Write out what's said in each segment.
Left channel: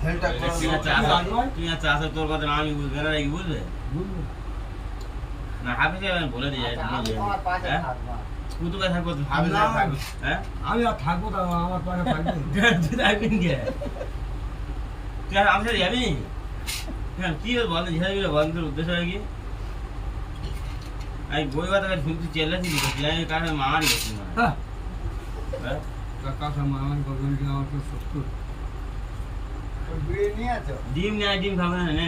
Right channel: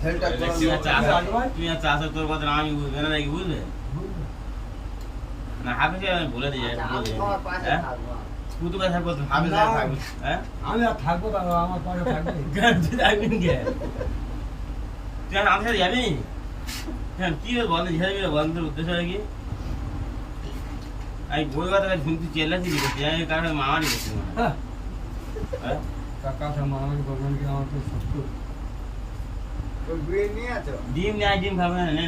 তুমি আর চাষা তোর কথা আমি বুঝবে না নাকি বুঝবে না হাফিজ আমি বলে দিই কুতুকা থাকবো হাফিজ থাকবো হ্যাঁ আমি আর থাকবো তা আমার পাশে থাকবে থাকবেন কে তুই আর আমার সাথে যাবি হ্যাঁ কি বন্ধ ঝেড়ে বন্ধ উদ্দেশ্য হয় কি আমি বই কথা শুনতে চেল্লাচ্ছি কারণ মামারি করছি হ্যাঁ কাকা মামারি করবেন কি আমার তো সুস্থ ডিম নেয় ডিম খাবে না নে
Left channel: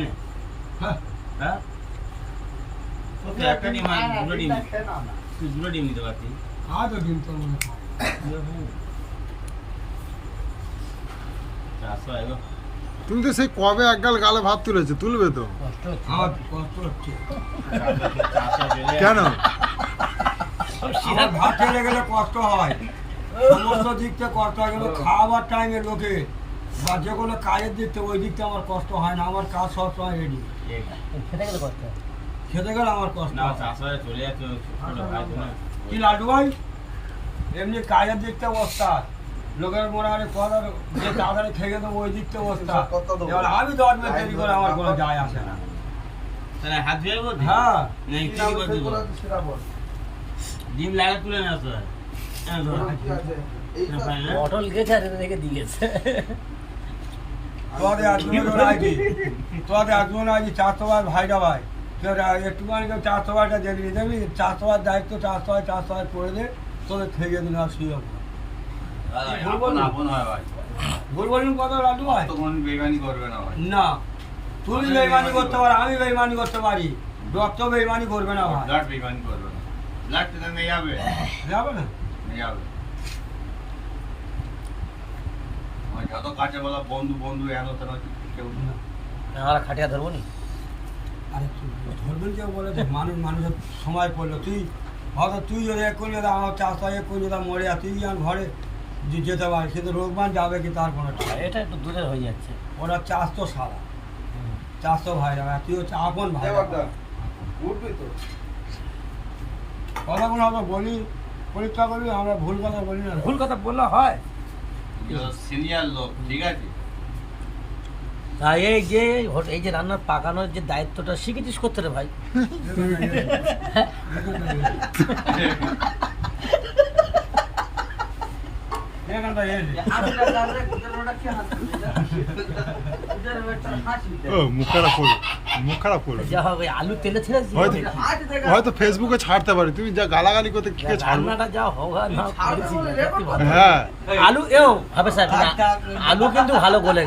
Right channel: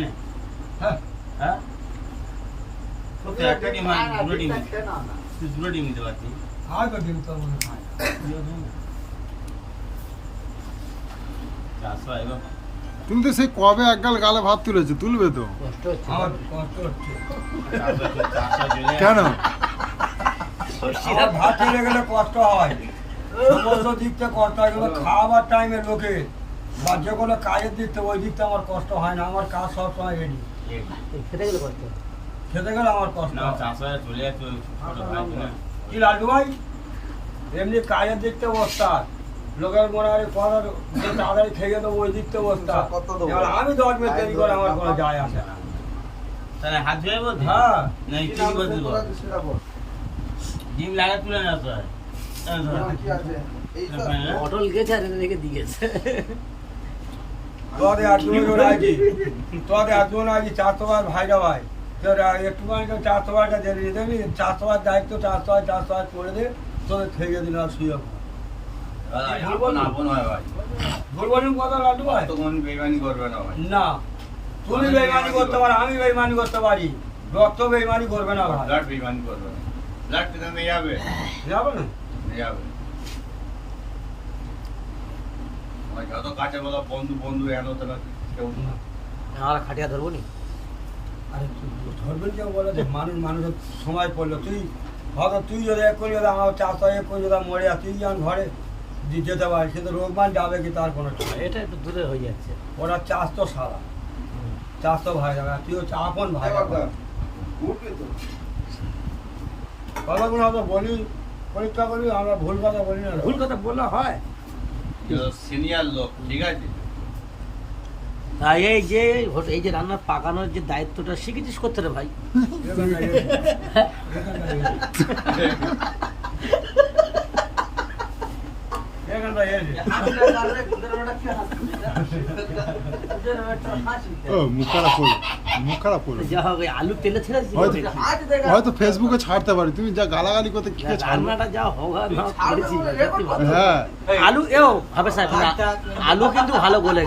হ্যাঁ হ্যাঁ একটা ডিম দুটো ডিম তুই দুটো ডিম দিতে পারছিস আর তো ডিম তো মনে খায় তুমি তো সেই কবে একগাল গালে ভাত তুলেছো তুলবে তো আমার কষ্ট হচ্ছে কেন আমার ভাত তুলে গেলে কষ্ট হয় সমস্ত দিকটা কষ্ট হয় কিন্তু খাওয়াবার টাইমে লোকে বা যে কোনো কাজের দিকটা ওই দিকটা আমার কষ্ট হয় না আমার কাজ সবসময় রেডি খেতে গেলে কষ্ট খেতে গেলে আমার কষ্ট না চাষা চলে যাচ্ছে ছোট ভাই তো না কি লাড্ডু ভাই এমনি কাজের দিকটা ওস্তাদ লোকের মনে হয় করার যে তাড়াতাড়ি খেয়ে দেবো ওই দিকটা ওস্তাদ এবার আমি 10 মিনিট দেরি করে আমার কোনো যায় আসে না তাহলে হাত ধুয়ে বলছি হ্যাঁ না কি বলছি ডিম লাগা তুলে না তো পটল গেছে আর রেখে দিয়েছে তোদের একজন আছি চারশো ভাইরা ভাই একটুখানি চারশো ভাইটা দেখবি দেখবি চারশো ভাই দায়িত্ব চারশো ভাই করে দে তোদের খেয়ে দিন আর শুয়ে বলবো কত লাড্ডু ভাই বেগানি করবে না ভাই না তুমি বেইমানি করতে পারো আমি বেইমানি করতে পারি রক্ত বেইমানি করবে না ভাই লাট বেগানি করবে না লাট তো নিয়ে যাবে যাবে না নিয়ে যাবে আমার যত কাছে বলা বন্ধু বন্ধু এত না কেউ না আমরা খাটিয়া ধরবো নি আরে ধরবেন কেউ বলে তো মানুষের সময় পড়লো তুই হয়তো তুই যদি এক করে যদি আমার চাষটা এক করে যদি মরে আর তুই যেমন ঘরে যেতে পারিস কিন্তু রোগমান যাবে কি তার কোনো ঠিক নেই। এটা একটু দূরে হয়ে যাচ্ছে ওরা চাষ তো সারা চাষ তো ভাই যাবে আর তুই হচ্ছে আপন ভাই কথাগুলো হয়তো বলি পরীক্ষা করি আমরা ভুল কথা বলি না ভুল কথা বললে হয় সিনিয়র লোক ঠিক আছে আর এই যে রান্নার পাকানোর যে দায়িত্বটা শিখেছিস করতে রে ভাই ও মুখ খারাপ করবে যা হবে আলু তেলে ছেড়ে হয়তো ফেসবুকে ছাড়তে পারি তুমি যা গালাগালি করতে কি ছাড়বে রান্নাটা যা হোগা না করেছি হ্যাঁ আলু হবে স্যার আলু কিন্তু ভালো বলে